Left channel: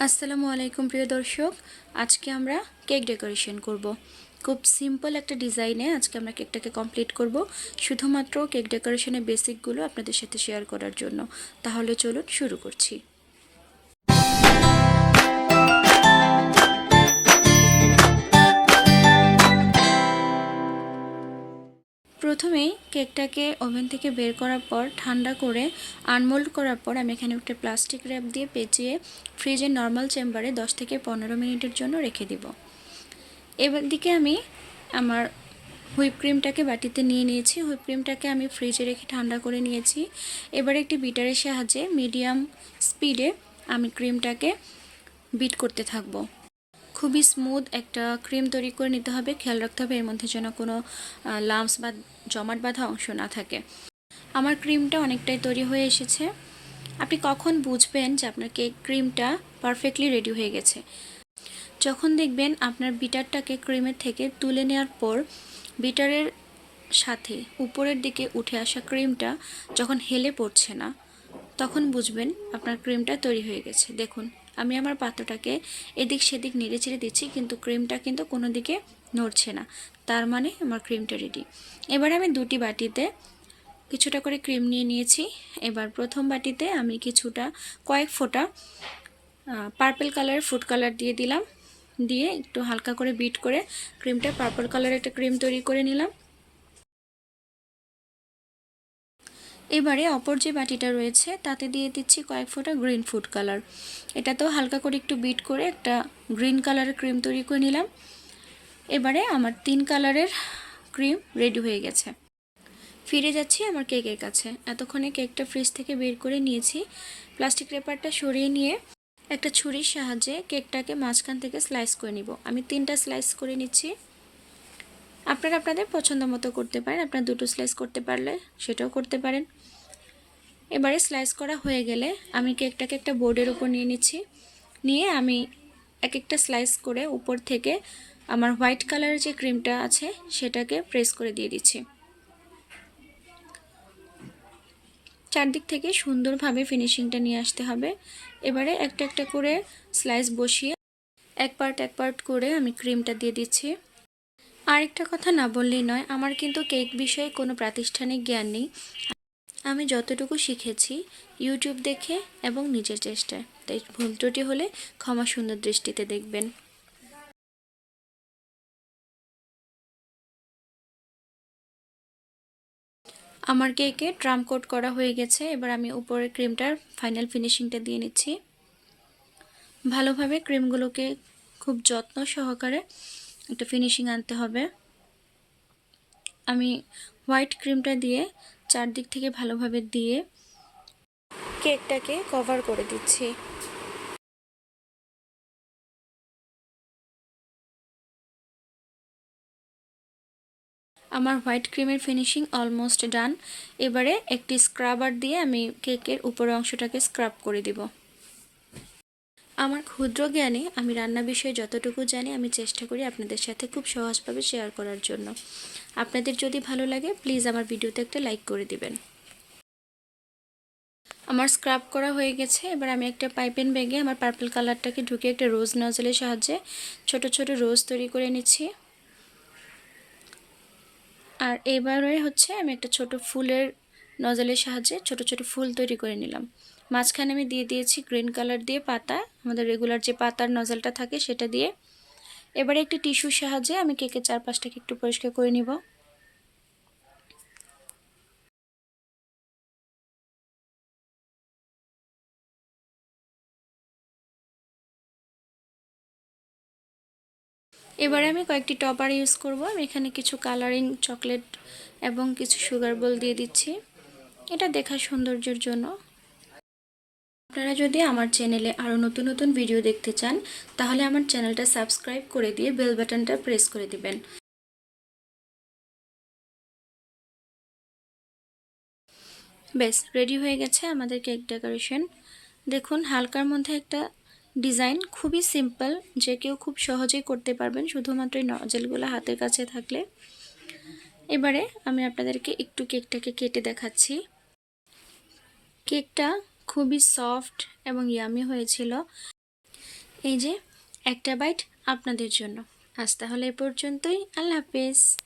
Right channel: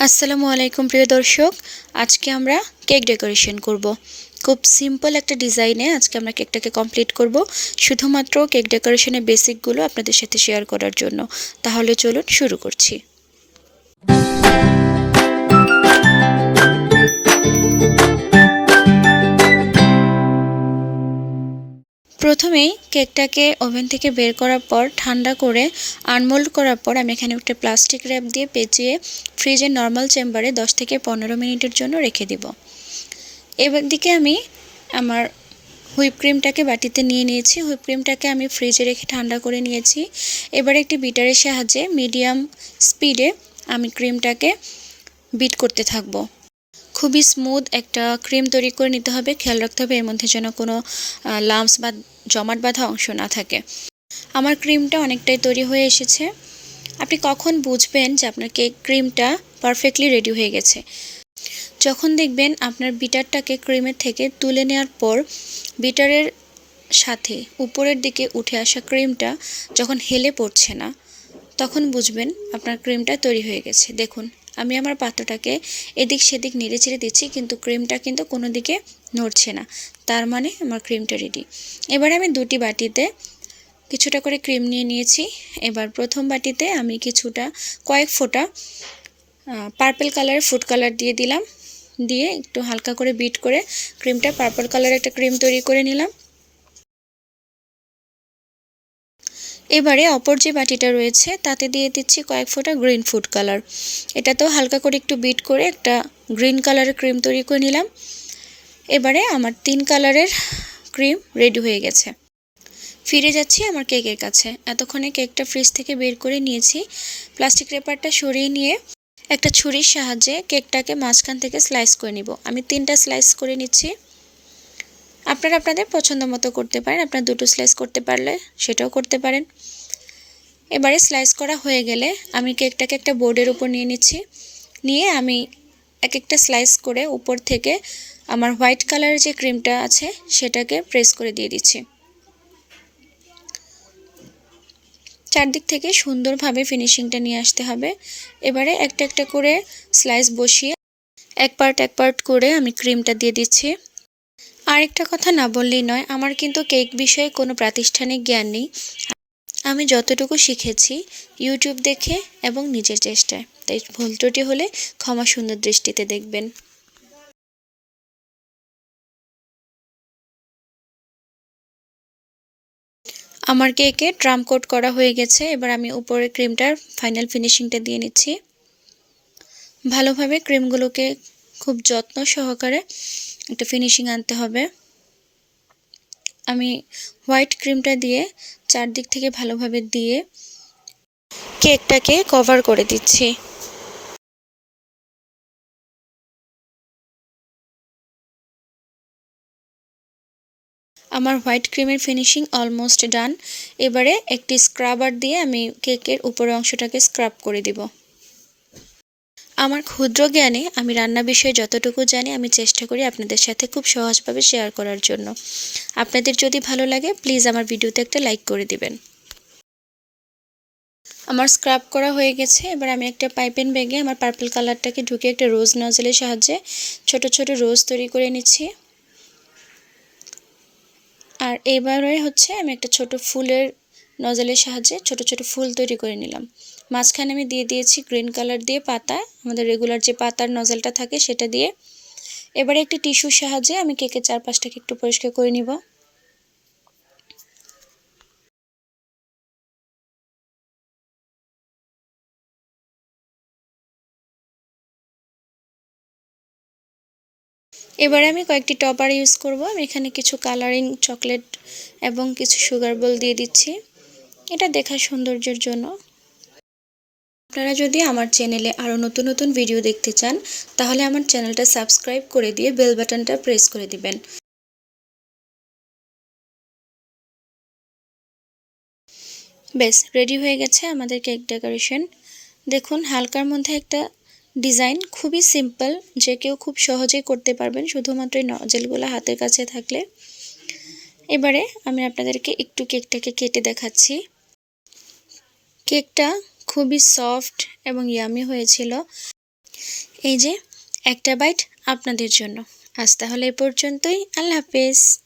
আসসালামু আলাইকুম, প্রিয় দর্শক। আজকে আমরা কেক ডেকোরেশন করব। খুব সিম্পল একটা ডিজাইনে আজকে আমরা কেকটাকে কমপ্লিট করব, শুধুমাত্র কেক ডেকোরেশনের বেসিকগুলো আপনাদের সাথে শেয়ার করার জন্য। তাহলে চলুন শুরু করছি। প্রথমেই কেকটাকে ওভেন থেকে বের করার পর ঠান্ডা করে আনমোল্ড করার পর আমি এখানে একটা প্লাস্টিক র্যাপ দিয়ে পেঁচিয়ে ফ্রিজের নর্মাল চেম্বারে 10 থেকে পনেরো মিনিটের জন্য রেখে দিব। এবার দিকে আমি আমার হুইপ ক্রিমটাকে বাটিতে নিয়ে নিয়েছি। হুইপ ক্রিমটাকে আমি ফ্রিজে রেখে ঠান্ডা করে নিয়েছি। এবার একটি বিটারের সাহায্যে মিডিয়াম স্পিডে আমি ক্রিমটাকে বিট করতে থাকব। খুবই স্মুথ একটা ক্রিম তৈরি করে নিতে হবে। খেয়াল রাখতে হবে এর মধ্যে যেন কোনো লাম্পস বা জমাট বাঁধা অংশ না থাকে। আমার ক্রিমটা অনেকটাই তৈরি হয়ে এসেছে। আপনি কখন বুঝবেন যে আপনার কেক ক্রিমটা পারফেক্টলি রেডি হয়ে গেছে? যখন দেখবেন আপনার বিটারটাকে ক্রিমের থেকে তুলে নেওয়ার পর, বিটারের সাথে উপরের দিকে উঠে আসা ক্রিমটা যখন হেলে পড়ছে না, তখন বুঝবেন আপনার ক্রিমটা তৈরি হয়ে গেছে। দেখুন। আমি আমার পাত্রটাকে এদিক সেদিক নেড়ে ছেড়ে দিচ্ছি, কিন্তু ক্রিমটা কিন্তু কোনো দিকে নড়ছে না। তার মানে আমার ক্রিমটা রেডি এবার আমি দুটি বাটিতে কিছুটা করে ক্রিম নিয়ে নিয়েছি। এবার প্রথম বাটিতে আমি কিছুটা, কয়েক ফোঁটা পার্পেল কালারের ফুড কালার দিয়ে দিলাম। দিয়ে একটু হালকা করে বিট করে ক্রিমটা পার্পল কালারের একটা ক্রিম তৈরি করে নিলাম। এবারে অপর যে বাটিটা রয়েছে, তাতে দিয়ে দিচ্ছি কয়েক ফোঁটা গ্রিন ফুড কালার এটাতেও হালকা করে একটু বিট করে একটা গ্রিন কালারের ক্রিম তৈরি করে নিলাম। এবারে আমার তিন কালারের ক্রিম রেডি হয়ে গেছে। ফিরে যাচ্ছি আমার কেকের কাছে। এতক্ষণে কেকটা ফ্রিজ থেকে বের করে নিয়েছি। প্লাস্টিক রেপারটা সরিয়ে নিয়ে একটা ছুরির সাহায্যে কেকটাকে মাঝখান থেকে স্লাইস করে নিব। আমি তিনটা স্লাইস করে নিচ্ছি। আপনারা আপনাদের পছন্দ মতো করতে পারেন। আপনার দুটো স্লাইস করতে পারলে সেটাও করতে পারেন। এবারে স্লাইস করা হয়ে গেলে আমি কেকটাকে একটা বোর্ডের উপর নিয়ে নিচ্ছি। নিয়ে আমি এক একটা স্লাইস করে উপর থেকে আমার হোয়াইট কালারের যে ক্রিমটা আছে সেটাকে প্রেস করে দিয়ে দিচ্ছি। চারদিক থেকে সুন্দরভাবে ফিনিশিংটা নিয়ে আসতে হবে। এবারে একটা একটা করে স্লাইস বসিয়ে এক পার্ট এক পার্ট করে আমি ক্রিমটা দিয়ে দিচ্ছি। আরেকটা কথা না বললেই নয়, আমার কিন্তু কেক বিষয়ে কোনো প্রাতিষ্ঠানিক জ্ঞান নেই। আমি যতটুকু শিখেছি ইউটিউব দেখে এবং নিজের চেষ্টায়। তাই ভুল ত্রুটি হলে ক্ষমা সুন্দর দৃষ্টিতে দেখবেন। আমার কেকে ট্রাম কোট করা হয়ে গেছে, এবার আমি উপরে ক্রিমটার ফাইনাল ফিনিশিংটা দিয়ে নিচ্ছি। ভালোভাবে ক্রিমগুলোকে খুব যত্ন সহকারে একটা ফিনিশিং আনতে হবে। আমি হোয়াইট ক্রিমটা দিয়ে চারদিক থেকে ভালোভাবে দিয়ে কেকটাকে কভার করে দিচ্ছি। আমার হোয়াইট ক্রিমের ফিনিশিং অলমোস্ট ডান এবারে একটি স্ক্রাবার দিয়ে আমি কেকের উপরের অংশটাকে স্ক্রাব করে দিব। আমার ক্ষুদ্র জ্ঞানে আমি রান্না বিষয়ে যতটুকু জানি, আমি চেষ্টা করি আপনাদের সাথে খুব সহজভাবে শেয়ার করার জন্য। আপনাদের যদি ভালো লাগে প্লিজ আমার ভিডিওতে একটা লাইক করে দিবেন। আমার স্ক্রাব করা হয়ে গেছে, এবার আমি একটা পাইপেন ব্যাগে আমার পার্পল কালারটাকে ঢুকে একটা রোজ নজলের সাহায্যে ছোট ছোট রোজ তৈরি করে নিচ্ছি। আর এবারে হচ্ছে আমি একটা ছোট ফুলের নজলের সাহায্যে ছোট ছোট ফুল তৈরি করে নিলাম। মাঝখানে আমি দিয়ে দিয়েছি গ্রিন কালার দিয়ে পাতা। আমাদের রেগুলার যে পাতার নজলটা থাকে সেটা দিয়ে। এবারে একটি টিস্যুর সাহায্যে আমি কেকের চারপাশটাকে একটু পরিষ্কার করে নিব। এবারে আমি কয়েকটি টপার ইউজ করব। আমি এখানে কিছু কালারিং চকলেট এবং কিছু সুগার বল দিয়ে দিচ্ছি। এটা দেখা সৌন্দর্যের জন্য। আপনারা যদি আমার চ্যানেলে আরও নতুন নতুন ভিডিও দেখতে চান, তাহলে আমার চ্যানেলটা সাবস্ক্রাইব করে দিয়ে বেল বাটনটা প্রেস করে দিবেন। বেশ রেডি হয়ে গেছে আমাদের কেক ডেকোরেশন দেখুন, হালকার মধ্যে একটা ডিজাইন খুবই সিম্পল যে কেউ খুব সহজেই করতে পারবেন, শুধুমাত্র নজেলগুলো হাতের কাছে থাকলে। এবারে আমি আপনাদেরকে একটু কেকটাকে কেটে দেখাচ্ছি। কেকটা খুবই সফট এবং ইয়ামি হয়েছিল। এই যে, একটা বাইট আপনাদের জন্য। আজ তাহলে এ পর্যন্তই। আল্লাহ হাফেজ।